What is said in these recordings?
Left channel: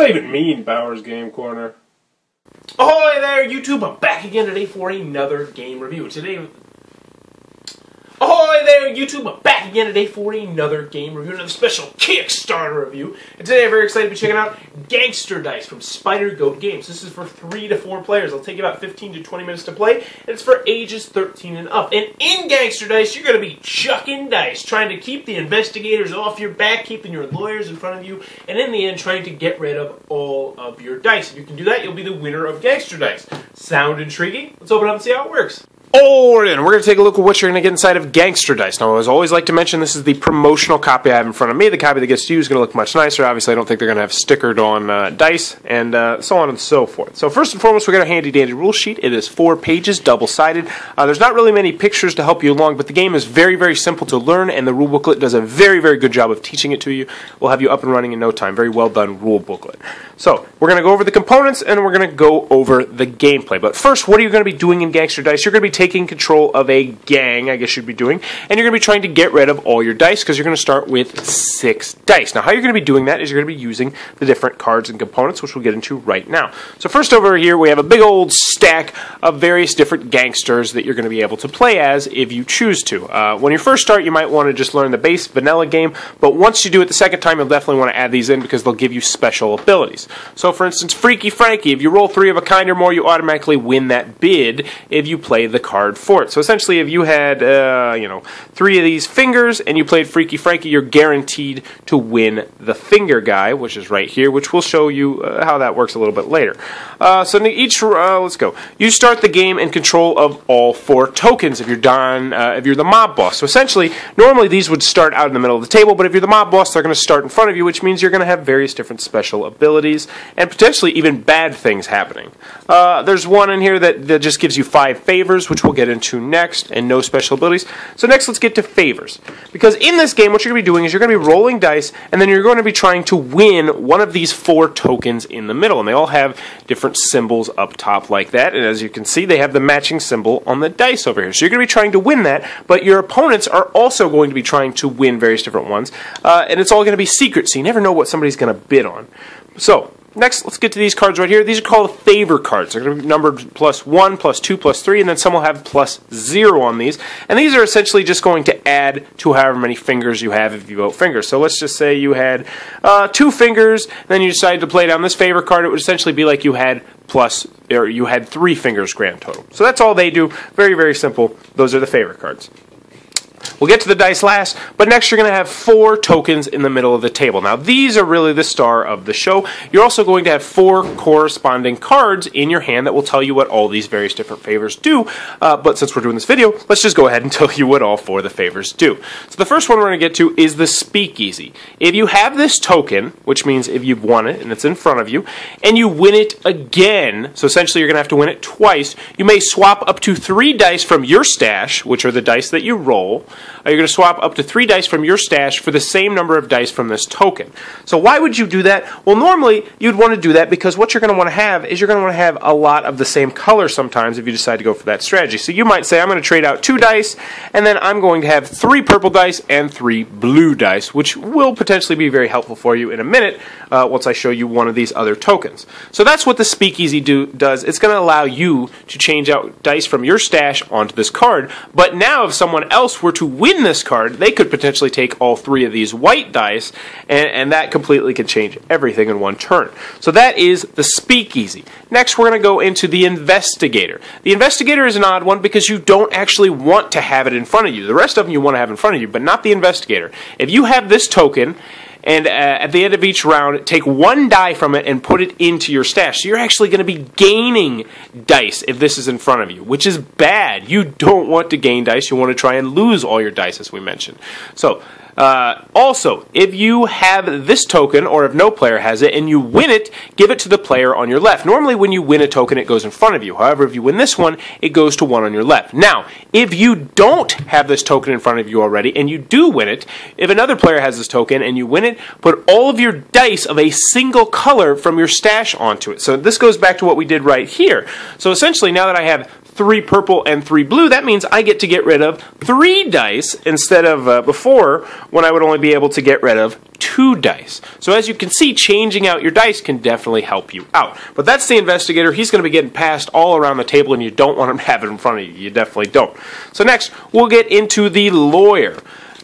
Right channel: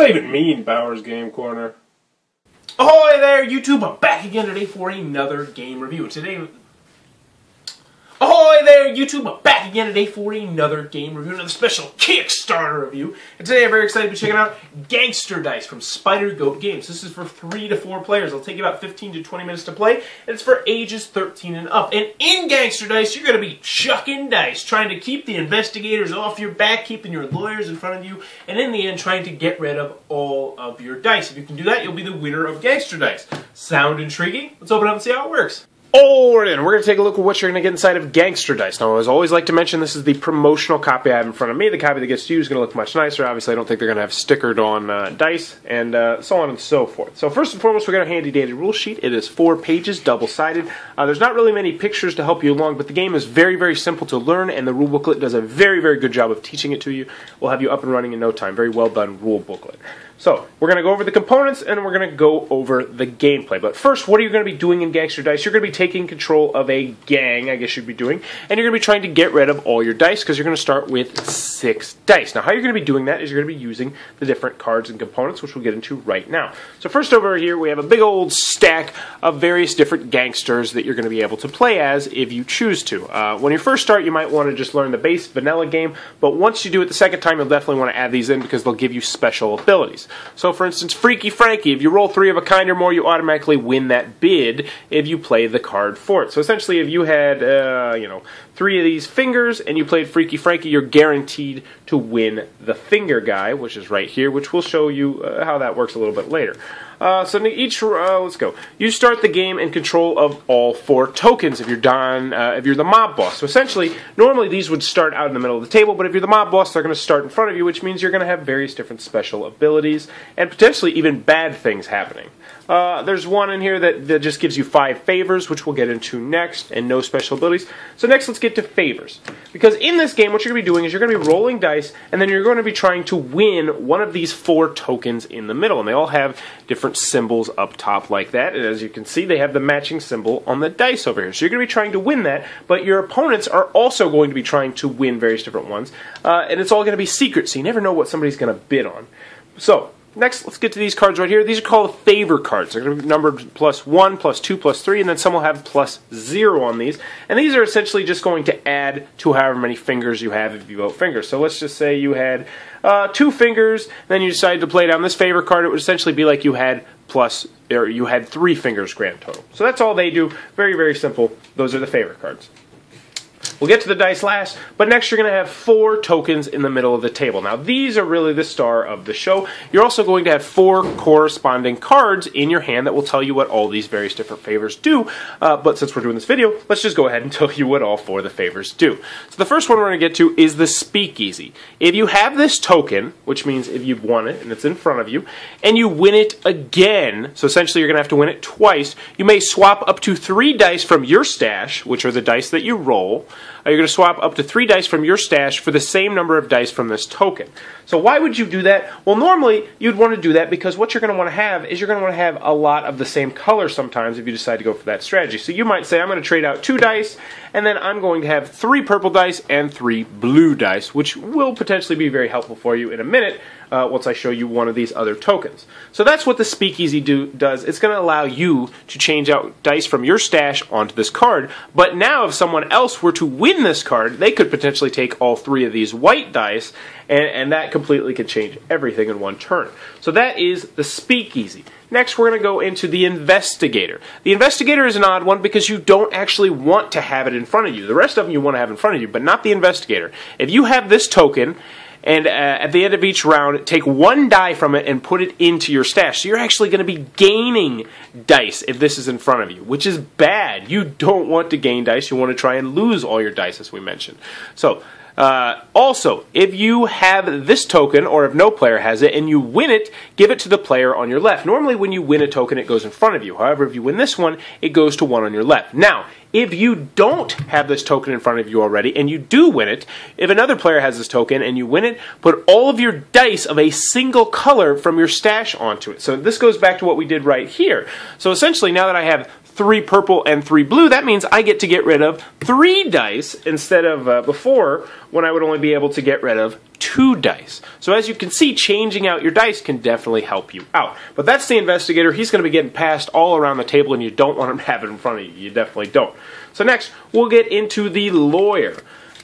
that even mean, Bowers Game Corner? Ahoy there, YouTube! I'm back again today for another game review. Ahoy there, YouTube! I'm back again today for another game review, another special Kickstarter review. And today I'm very excited to be checking out Gangster Dice from Spider Goat Games. This is for 3 to 4 players. It'll take you about 15 to 20 minutes to play, and it's for ages 13 and up. And in Gangster Dice, you're going to be chucking dice, trying to keep the investigators off your back, keeping your lawyers in front of you, and in the end, trying to get rid of all of your dice. If you can do that, you'll be the winner of Gangster Dice. Sound intriguing? Let's open it up and see how it works. Alright, and we're going to take a look at what you're going to get inside of Gangster Dice. Now, as I always like to mention, this is the promotional copy I have in front of me. The copy that gets to you is going to look much nicer. Obviously, I don't think they're going to have stickered on dice, and so on and so forth. So first and foremost, we got a handy-dandy rule sheet. It is 4 pages, double-sided. There's not really many pictures to help you along, but the game is very, very simple to learn, and the rule booklet does a very, very good job of teaching it to you. We'll have you up and running in no time. Very well done rule booklet. So, we're going to go over the components, and we're going to go over the gameplay. But first, what are you going to be doing in Gangster Dice? You're going to be taking control of a gang, I guess you'd be doing, and you're going to be trying to get rid of all your dice, because you're going to start with 6 dice. Now, how you're going to be doing that is you're going to be using the different cards and components, which we'll get into right now. So first over here, we have a big old stack of various different gangsters that you're going to be able to play as if you choose to. When you first start, you might want to just learn the base vanilla game, but once you do it the second time, you'll definitely want to add these in because they'll give you special abilities. So, for instance, Freaky Frankie, if you roll 3 of a kind or more, you automatically win that bid if you play the card for it. So, essentially, if you had, 3 of these fingers and you played Freaky Frankie, you're guaranteed to win the finger guy, which is right here, which we'll show you how that works a little bit later. So let's go. You start the game in control of all 4 tokens if you're the mob boss. So essentially, normally these would start out in the middle of the table, but if you're the mob boss, they're going to start in front of you, which means you're going to have various different special abilities and potentially even bad things happening. There's one in here that just gives you 5 favors, which we'll get into next, and no special abilities. So next, let's get to favors. Because in this game, what you're going to be doing is you're going to be rolling dice, and then you're going to be trying to win one of these 4 tokens in the middle. And they all have different symbols up top like that, and as you can see, they have the matching symbol on the dice over here. So you're going to be trying to win that, but your opponents are also going to be trying to win various different ones, and it's all going to be secret, so you never know what somebody's going to bid on. So, next, let's get to these cards right here. These are called favor cards. They're going to be numbered +1, +2, +3, and then some will have +0 on these. And these are essentially just going to add to however many fingers you have if you vote fingers. So let's just say you had 2 fingers, then you decided to play down this favor card. It would essentially be like you had 3 fingers grand total. So that's all they do. Very, very simple. Those are the favor cards. We'll get to the dice last, but next you're going to have 4 tokens in the middle of the table. Now, these are really the star of the show. You're also going to have 4 corresponding cards in your hand that will tell you what all these various different favors do. But since we're doing this video, let's just go ahead and tell you what all 4 of the favors do. So the first one we're going to get to is the Speakeasy. If you have this token, which means if you've won it and it's in front of you, and you win it again, so essentially you're going to have to win it twice, you may swap up to 3 dice from your stash, which are the dice that you roll. You're going to swap up to 3 dice from your stash for the same number of dice from this token. So why would you do that? Well, normally you'd want to do that because what you're going to want to have is you're going to want to have a lot of the same color sometimes if you decide to go for that strategy. So you might say, I'm going to trade out 2 dice, and then I'm going to have 3 purple dice and 3 blue dice, which will potentially be very helpful for you in a minute once I show you one of these other tokens. So that's what the Speakeasy does. It's going to allow you to change out dice from your stash onto this card, but now if someone else were to win this card, they could potentially take all 3 of these white dice, and that completely can change everything in one turn. So that is the Speakeasy. Next, we're going to go into the Investigator. The Investigator is an odd one because you don't actually want to have it in front of you. The rest of them you want to have in front of you, but not the Investigator. If you have this token, and at the end of each round, take 1 die from it and put it into your stash. So you're actually going to be gaining dice if this is in front of you, which is bad. You don't want to gain dice. You want to try and lose all your dice, as we mentioned. So, also, if you have this token, or if no player has it, and you win it, give it to the player on your left. Normally, when you win a token, it goes in front of you. However, if you win this one, it goes to one on your left. Now, if you don't have this token in front of you already, and you do win it, if another player has this token and you win it, put all of your dice of a single color from your stash onto it. So this goes back to what we did right here. So essentially, now that I have 3 purple and 3 blue, that means I get to get rid of 3 dice instead of before when I would only be able to get rid of 2 2 dice. So as you can see, changing out your dice can definitely help you out. But that's the Investigator. He's going to be getting passed all around the table, and you don't want him to have it in front of you. You definitely don't. So next, we'll get into the Lawyer.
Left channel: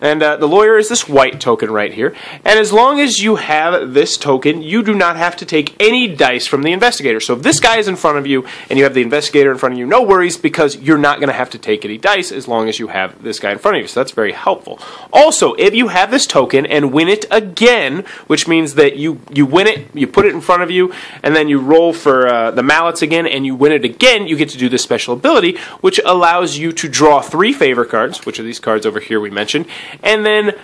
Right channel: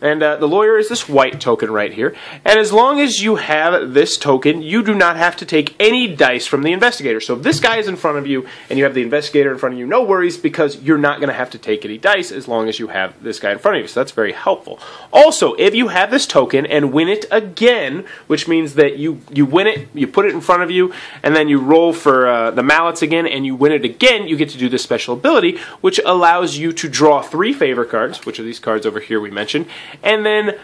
And the Lawyer is this white token right here. And as long as you have this token, you do not have to take any dice from the Investigator. So if this guy is in front of you and you have the Investigator in front of you, no worries, because you're not going to have to take any dice as long as you have this guy in front of you. So that's very helpful. Also, if you have this token and win it again, which means that you win it, you put it in front of you, and then you roll for the mallets again, and you win it again, you get to do this special ability, which allows you to draw 3 favor cards, which are these cards over here we mentioned, and then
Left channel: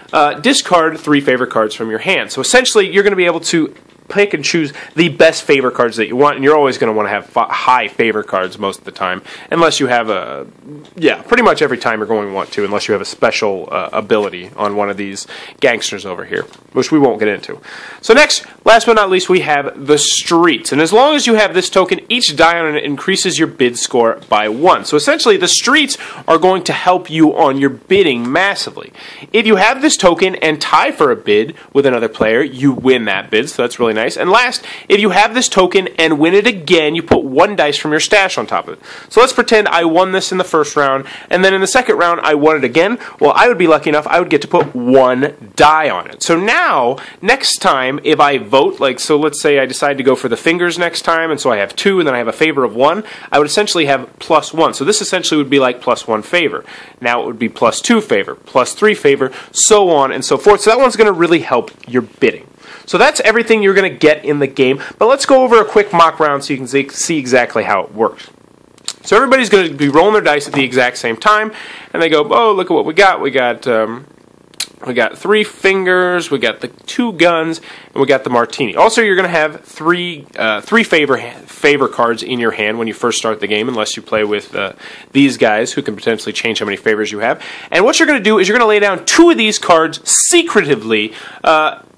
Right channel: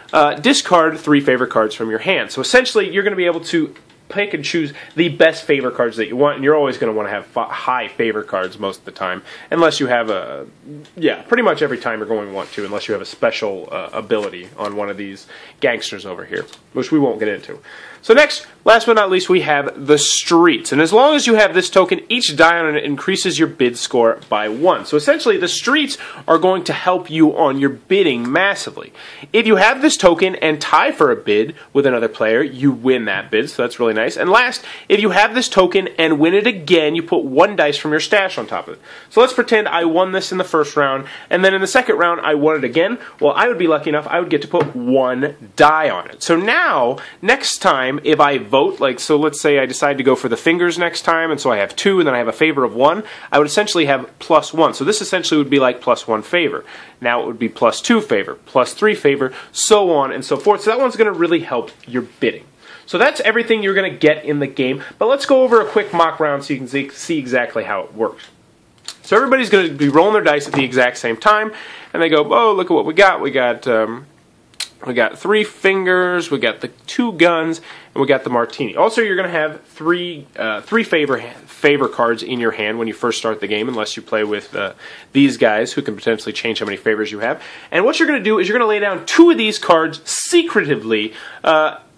discard 3 favor cards from your hand. So essentially, you're going to be able to pick and choose the best favor cards that you want, and you're always going to want to have high favor cards most of the time, unless you have a, pretty much every time you're going to want to, unless you have a special ability on one of these gangsters over here, which we won't get into. So next, last but not least, we have the Streets. And as long as you have this token, each die on it increases your bid score by 1. So essentially, the Streets are going to help you on your bidding massively. If you have this token and tie for a bid with another player, you win that bid, so that's really nice. And last, if you have this token and win it again, you put 1 dice from your stash on top of it. So let's pretend I won this in the first round, and then in the second round, I won it again. Well, I would be lucky enough, I would get to put 1 die on it. So now, next time, if I vote, so let's say I decide to go for the fingers next time, and so I have 2, and then I have a favor of 1, I would essentially have +1. So this essentially would be like +1 favor. Now it would be +2 favor, +3 favor, so on and so forth. So that one's going to really help your bidding. So that's everything you're going to get in the game, but let's go over a quick mock round so you can see exactly how it works. So everybody's going to be rolling their dice at the exact same time, and they go, oh, look at what we got. We got 3 fingers, we got the 2 guns, and we got the martini. Also, you're going to have 3 favor cards in your hand when you first start the game, unless you play with these guys who can potentially change how many favors you have. And what you're going to do is you're going to lay down 2 of these cards secretively,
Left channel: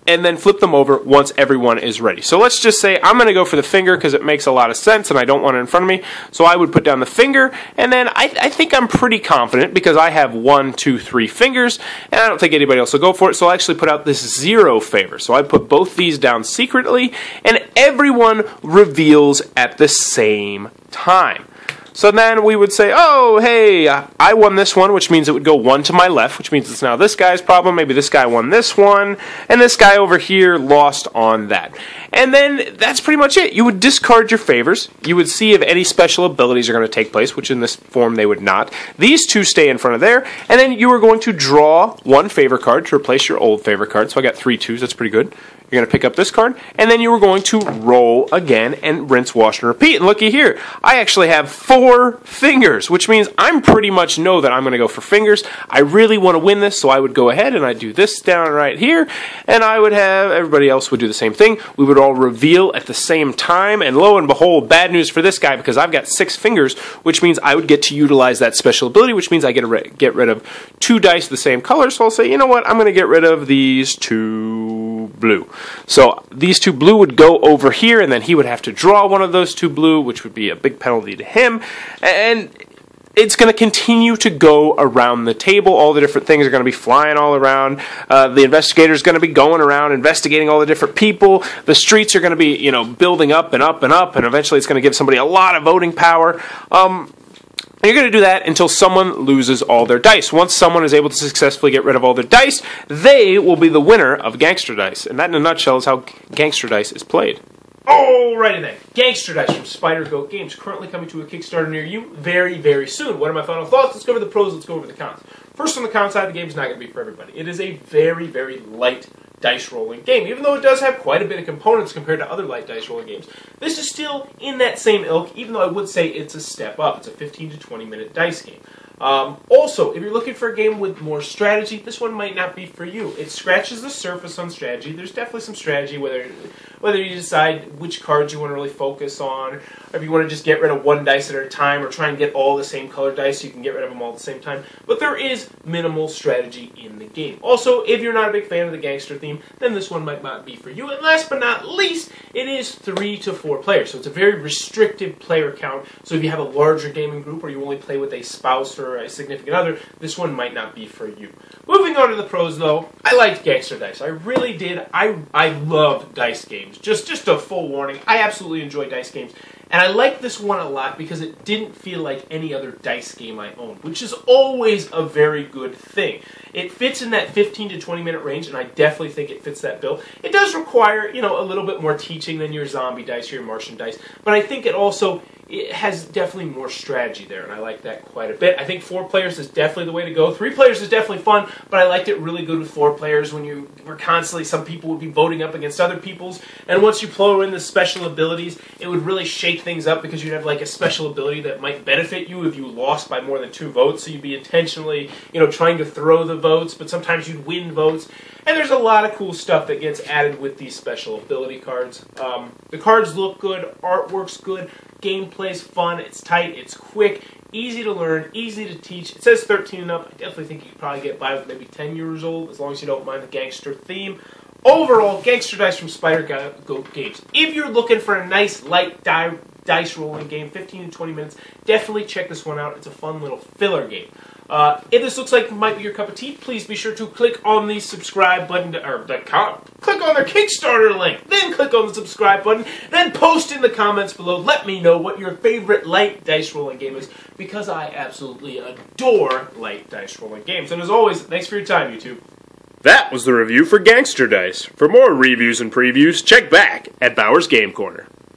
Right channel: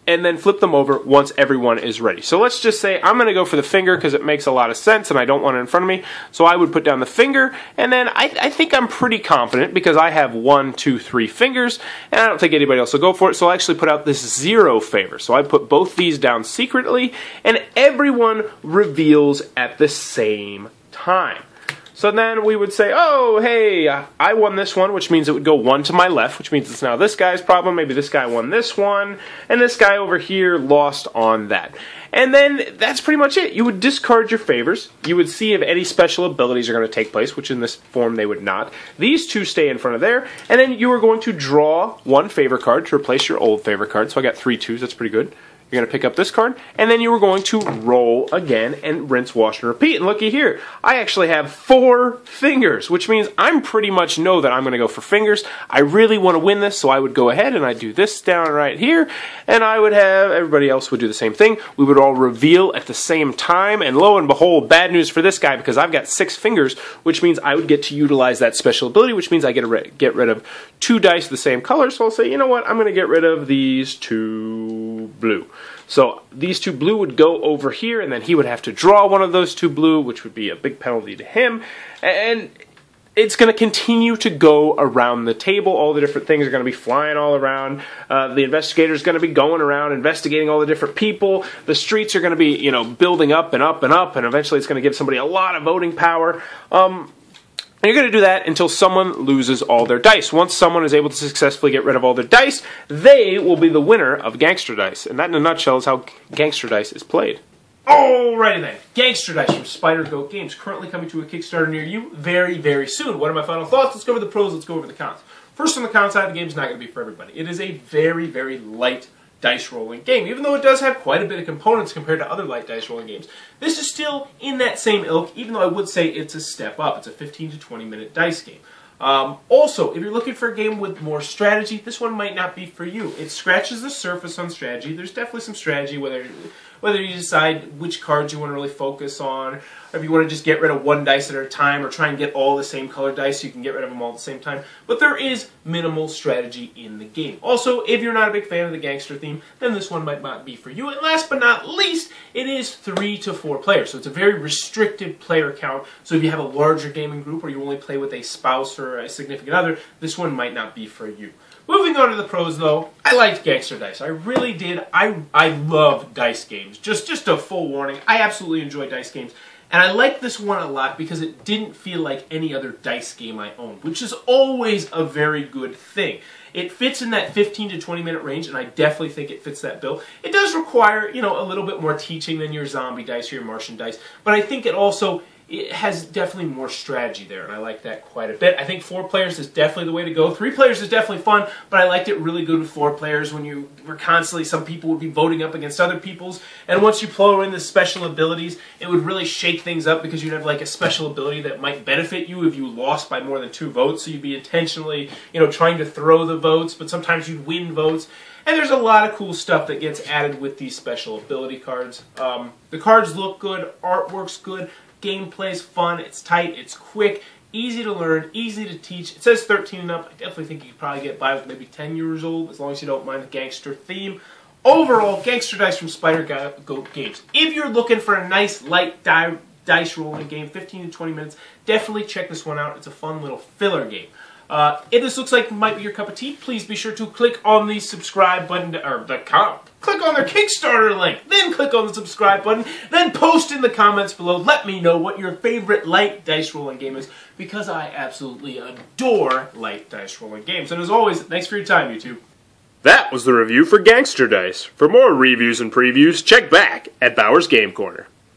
and then flip them over once everyone is ready. So let's just say I'm going to go for the finger because it makes a lot of sense and I don't want it in front of me. So I would put down the finger, and then I think I'm pretty confident because I have 1, 2, 3 fingers, and I don't think anybody else will go for it. So I'll actually put out this 0 favor. So I put both these down secretly, and everyone reveals at the same time. So then we would say, oh, hey, I won this one, which means it would go 1 to my left, which means it's now this guy's problem. Maybe this guy won this one, and this guy over here lost on that. And then that's pretty much it. You would discard your favors. You would see if any special abilities are going to take place, which in this form they would not. These 2 stay in front of there, and then you are going to draw 1 favor card to replace your old favor card. So I got 3 2s. That's pretty good. You're going to pick up this card, and then you are going to roll again and rinse, wash, and repeat. And looky here, I actually have 4 fingers, which means I'm pretty much know that I'm going to go for fingers. I really want to win this, so I would go ahead and I'd do this down right here, and I would have, everybody else would do the same thing. We would all reveal at the same time, and lo and behold, bad news for this guy, because I've got 6 fingers, which means I would get to utilize that special ability, which means I get to get rid of 2 dice of the same color, so I'll say, you know what, I'm going to get rid of these 2 blue. So these 2 blue would go over here, and then he would have to draw one of those 2 blue, which would be a big penalty to him, and it's going to continue to go around the table. All the different things are going to be flying all around. The investigator is going to be going around investigating all the different people. The streets are going to be, building up and up and up, and eventually it's going to give somebody a lot of voting power. You're going to do that until someone loses all their dice. Once someone is able to successfully get rid of all their dice, they will be the winner of Gangster Dice. And that, in a nutshell, is how Gangster Dice is played. Alrighty then, Gangster Dice from Spider Goat Games, currently coming to a Kickstarter near you very, very soon. What are my final thoughts? Let's go over the pros, let's go over the cons. First, on the con side, the game is not going to be for everybody. It is a very, very light dice rolling game, even though it does have quite a bit of components compared to other light dice rolling games. This is still in that same ilk, even though I would say it's a step up. It's a 15 to 20 minute dice game. Also, if you're looking for a game with more strategy, this one might not be for you. It scratches the surface on strategy. There's definitely some strategy, whether whether you decide which cards you want to really focus on, or if you want to just get rid of one dice at a time, or try and get all the same color dice so you can get rid of them all at the same time. But there is minimal strategy in the game. Also, if you're not a big fan of the gangster theme, then this one might not be for you. And last but not least, it is 3 to 4 players, so it's a very restrictive player count. So if you have a larger gaming group or you only play with a spouse or a significant other, this one might not be for you. Moving on to the pros, though, I liked Gangster Dice. I really did. I love dice games. Just a full warning, I absolutely enjoy dice games. And I like this one a lot because it didn't feel like any other dice game I owned, which is always a very good thing. It fits in that 15 to 20 minute range, and I definitely think it fits that bill. It does require, a little bit more teaching than your zombie dice or your Martian dice, but I think it has definitely more strategy there, and I like that quite a bit. I think 4 players is definitely the way to go. 3 players is definitely fun, but I liked it really good with 4 players when you were constantly, some people would be voting up against other people's, and once you throw in the special abilities, it would really shake things up because you'd have like a special ability that might benefit you if you lost by more than 2 votes, so you'd be intentionally, trying to throw the votes, but sometimes you'd win votes. And there's a lot of cool stuff that gets added with these special ability cards. The cards look good, artwork's good, gameplay's fun, it's tight, it's quick, easy to learn, easy to teach. It says 13 and up. I definitely think you could probably get by with maybe 10 years old, as long as you don't mind the gangster theme. Overall, Gangster Dice from Spider Goat Games. If you're looking for a nice, light dice rolling game, 15 to 20 minutes, definitely check this one out. It's a fun little filler game. If this looks like it might be your cup of tea, please be sure to click on the subscribe button, click on their Kickstarter link, then click on the subscribe button, then post in the comments below. Let me know what your favorite light dice rolling game is, because I absolutely adore light dice rolling games. And as always, thanks for your time, YouTube. That was the review for Gangster Dice. For more reviews and previews, check back at Bauer's Game Corner.